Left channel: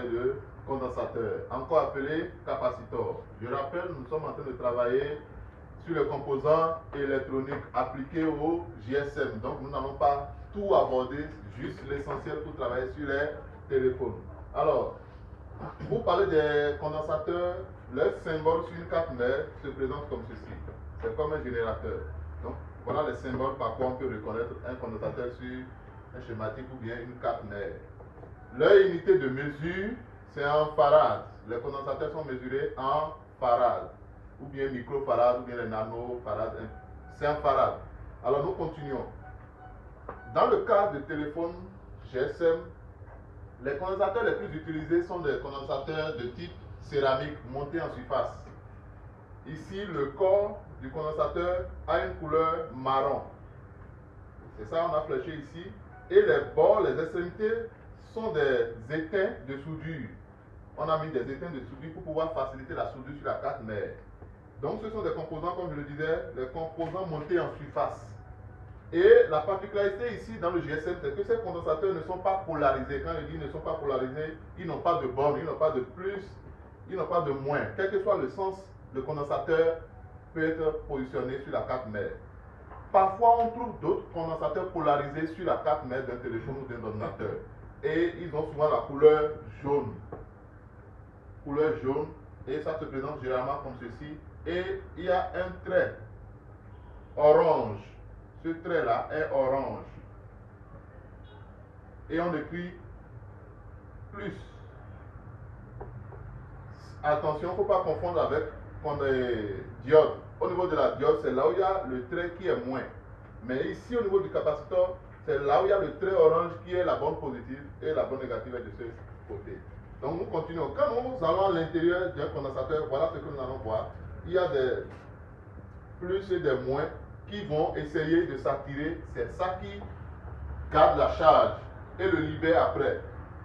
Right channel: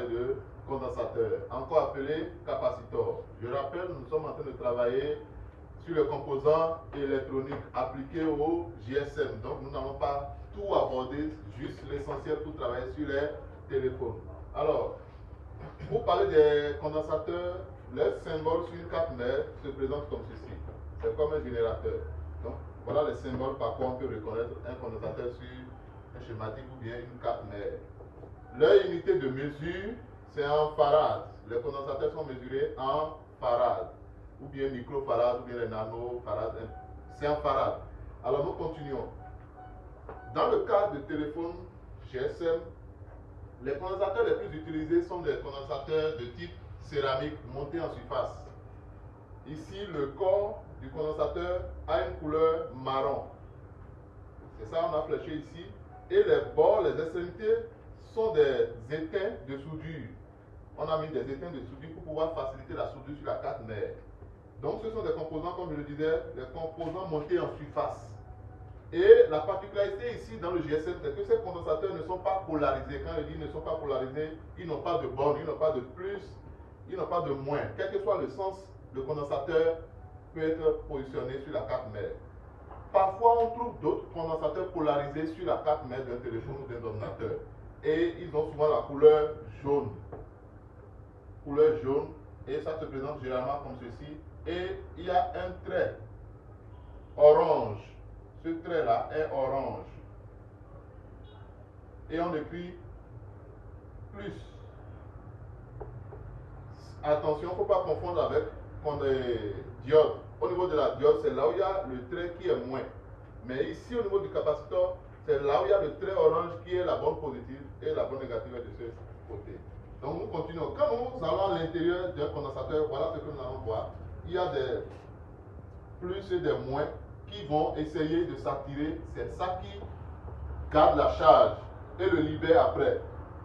parler de condensateur, encore appelé capacitor. Je rappelle, nous sommes en train de travailler sur les composants électroniques appliqués au GSM. Donc nous n'allons pas tout aborder, juste l'essentiel pour travailler sur les téléphones. Alors, pour parler des condensateurs, le symbole sur une carte mère se présente comme ceci. C'est comme un générateur. Donc voilà les symboles par quoi on peut reconnaître un condensateur sur un schématique ou bien une carte mère. Leur unité de mesure, c'est en farad. Les condensateurs sont mesurés en farad, ou bien microfarad, ou bien les nanofarad. C'est en farad. Alors nous continuons. Dans le cas de téléphone GSM, les condensateurs les plus utilisés sont des condensateurs de type céramique montés en surface. Ici, le corps du condensateur a une couleur marron. C'est ça, on a fléché ici. Et les bords, les extrémités sont des étains de soudure. On a mis des étains de soudure pour pouvoir faciliter la soudure sur la carte mère. Donc ce sont des composants, comme je le disais, des composants montés en surface. Et la particularité ici dans le GSM, c'est que ces condensateurs ne sont pas polarisés. Quand je dis ne sont pas polarisés, ils n'ont pas de borne, ils n'ont pas de plus, ils n'ont pas de moins. Quel que soit le sens, le condensateur peut être positionné sur la carte mère. Parfois, on trouve d'autres condensateurs polarisés sur la carte mère d'un téléphone ou d'un ordinateur. Et ils ont souvent la couleur jaune. Couleur jaune. Et ça se présente généralement comme ceci. Et il y a un trait orange. Ce trait-là est orange. Et on écrit plus. Attention, il ne faut pas confondre avec diode. Au niveau de la diode, c'est là où il y a le trait qui est moins. Mais ici, au niveau du capaciteur, c'est là où il y a le trait orange qui est la bonne positive et la bonne négative est de ce côté. Donc nous continuons. Quand nous allons à l'intérieur d'un condensateur, voilà ce que nous allons voir. Il y a des plus et des moins qui vont essayer de s'attirer. C'est ça qui garde la charge et le libère après.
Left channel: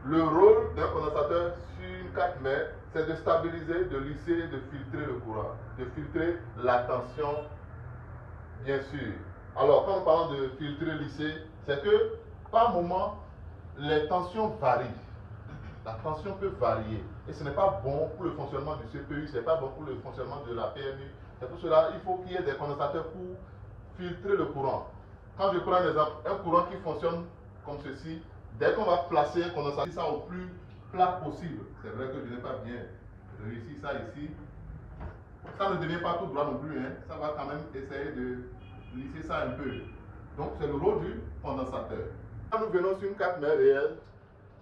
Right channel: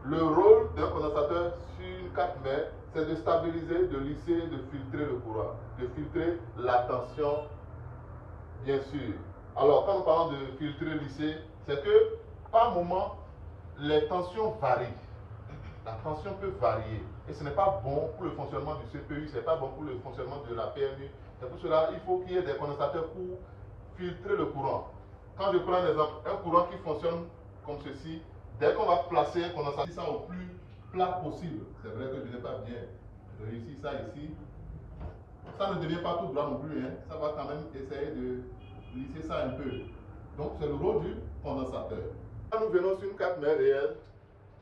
Le rôle d'un condensateur sur une carte mère, c'est de stabiliser, de lisser, de filtrer le courant, de filtrer la tension, bien sûr. Alors, quand nous parlons de filtrer, lisser, c'est que par moment, les tensions varient. La tension peut varier. Et ce n'est pas bon pour le fonctionnement du CPU, ce n'est pas bon pour le fonctionnement de la PMU. C'est pour cela qu'il faut qu'il y ait des condensateurs pour filtrer le courant. Quand je prends un exemple, un courant qui fonctionne comme ceci, dès qu'on va placer un condensateur, ça au plus plat possible. C'est vrai que je n'ai pas bien réussi ça ici. Ça ne devient pas tout droit non plus, hein. Ça va quand même essayer de lisser ça un peu. Donc c'est le rôle du condensateur. Quand nous venons sur une carte mère réelle,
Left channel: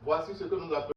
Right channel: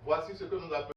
voici ce que nous appelons